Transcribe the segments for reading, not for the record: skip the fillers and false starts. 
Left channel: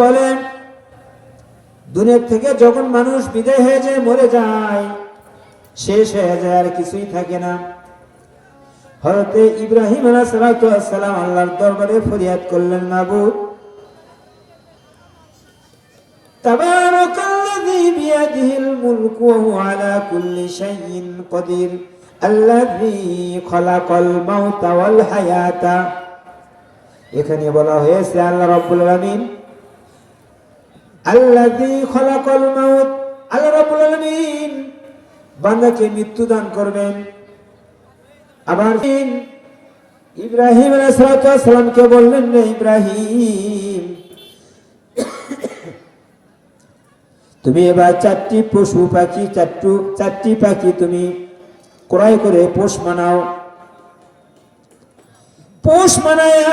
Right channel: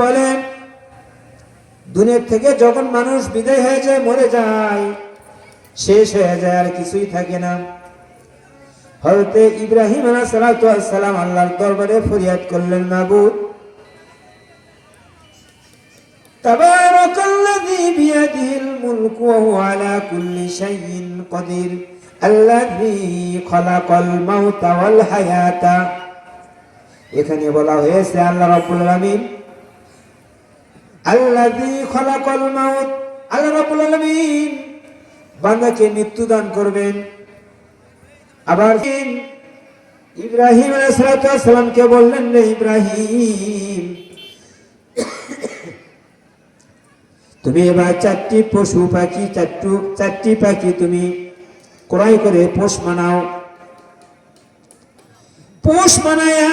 বলে দুনিয়া থেকে যখন মানুষ বিদায় হয়ে যায়, মরে যায়, শেষ হয়ে যায়, আর কিছুই থাকে না। হযরত ইব্রাহিম আলাইহিস সালাম আল্লাহর দরবারে ফরিয়াদ করলেন, মাবুদ, তাবারাকাল্লাযী বিয়াদিহিল মুলকু ওয়া হুয়া আলা কুল্লি শাইইন কাদির আল্লাযী খালাকাল মাউতা ওয়াল হায়াতা। এখানে বলা হয়েছে আল্লাহ রাব্বুল আলামিন, আল্লাযী খালাকাল মাউত, আল্লাহ রাব্বুল আলামিন বান্দাকে মৃত্যু দান করবেন। আবার ইব্রাহিম আলাইহিস সালামকে বললেন, রে ইব্রাহিম, তুমি এবার চারটি পশু পাখি, চারটি পাখি তুমি ক্রয় করে পোষ বানাও। পোষ বানায়া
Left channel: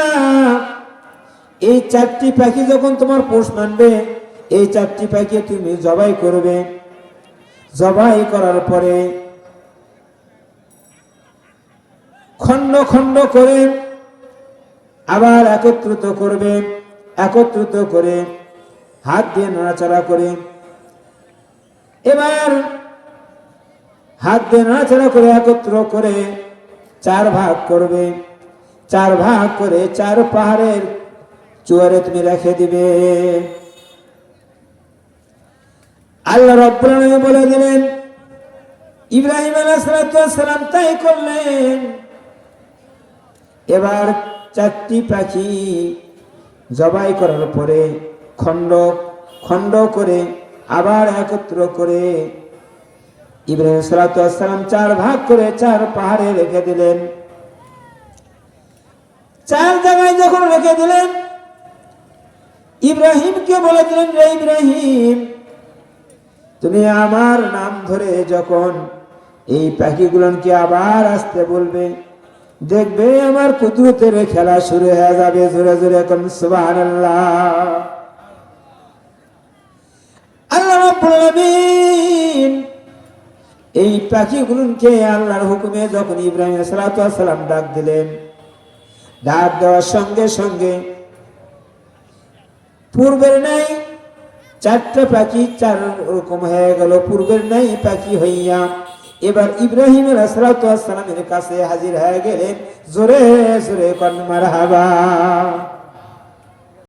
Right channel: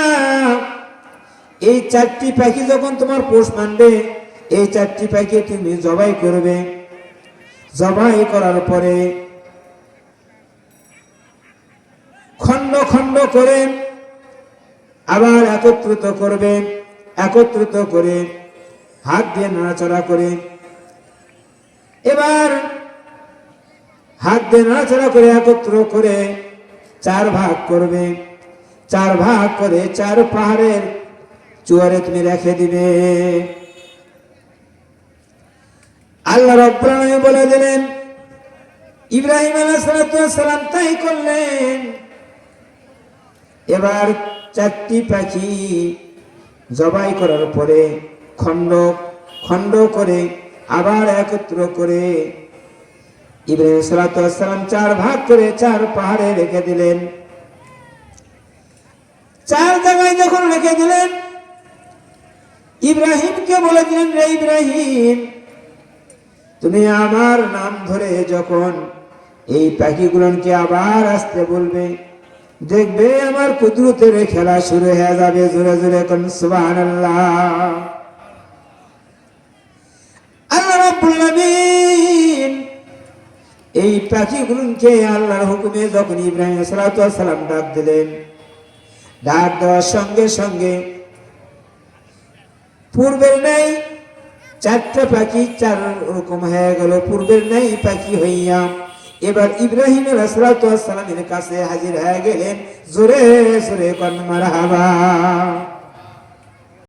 এই চারটি পাখি যখন তোমার পোষ মানবে, এই চারটি পাখি তুমি জবাই করবে। জবাই করার পরে খন্ড খন্ড করে আবার একত্রিত করবে। একত্রিত করে হাত দিয়ে নাড়াচাড়া করে, এবার হাত দিয়ে নাড়াচাড়া করে একত্র করে 4 ভাগ করবে। 4 ভাগ করে 4 পাহাড়ের চুয়ারে তুমি রেখে দিবে। আল্লাহ রাব্বুল আলামিন বলে দিলেন, ইব্রাহিম আলাইহিস সালাম তাই করলেন। এবার 4টি পাখি জবাই করার পরে খন্ড খন্ড করে আবার একত্র করে ইব্রাহিম আলাইহিস সালাম 4 ভাগ করে 4 পাহাড়ে রেখে দিলেন। 4 জায়গায় যখন রেখে দিলেন, ইব্রাহিমকে বলে দিলেন, রে ইব্রাহিম, তুমি আমার নাম ধরে যখন এই পাখিগুলোকে আবার আসতে বলবে, দেখবে আমার কুদরতের খেলা শুরু হয়ে যাবে। জোরে জোরে কোন সুবহানাল্লাহ। আল্লাহ রাব্বুল আলামিন এই পাখিগুলোকে আল্লাহর হুকুমে যখন ইব্রাহিম আলাইহিস সালাম ডাক দিলেন, ডাক দেওয়ার সঙ্গে সঙ্গে পূর্বের নেই 4টা পাখি 4 রকম হয়ে গেল। পূর্বের নেই পাখি হইয়া এবার ইব্রাহিম আলাইহিস সালামের কাছে হাজির হয়ে গেলেন। জোরে জোরে কোন মারহাবা।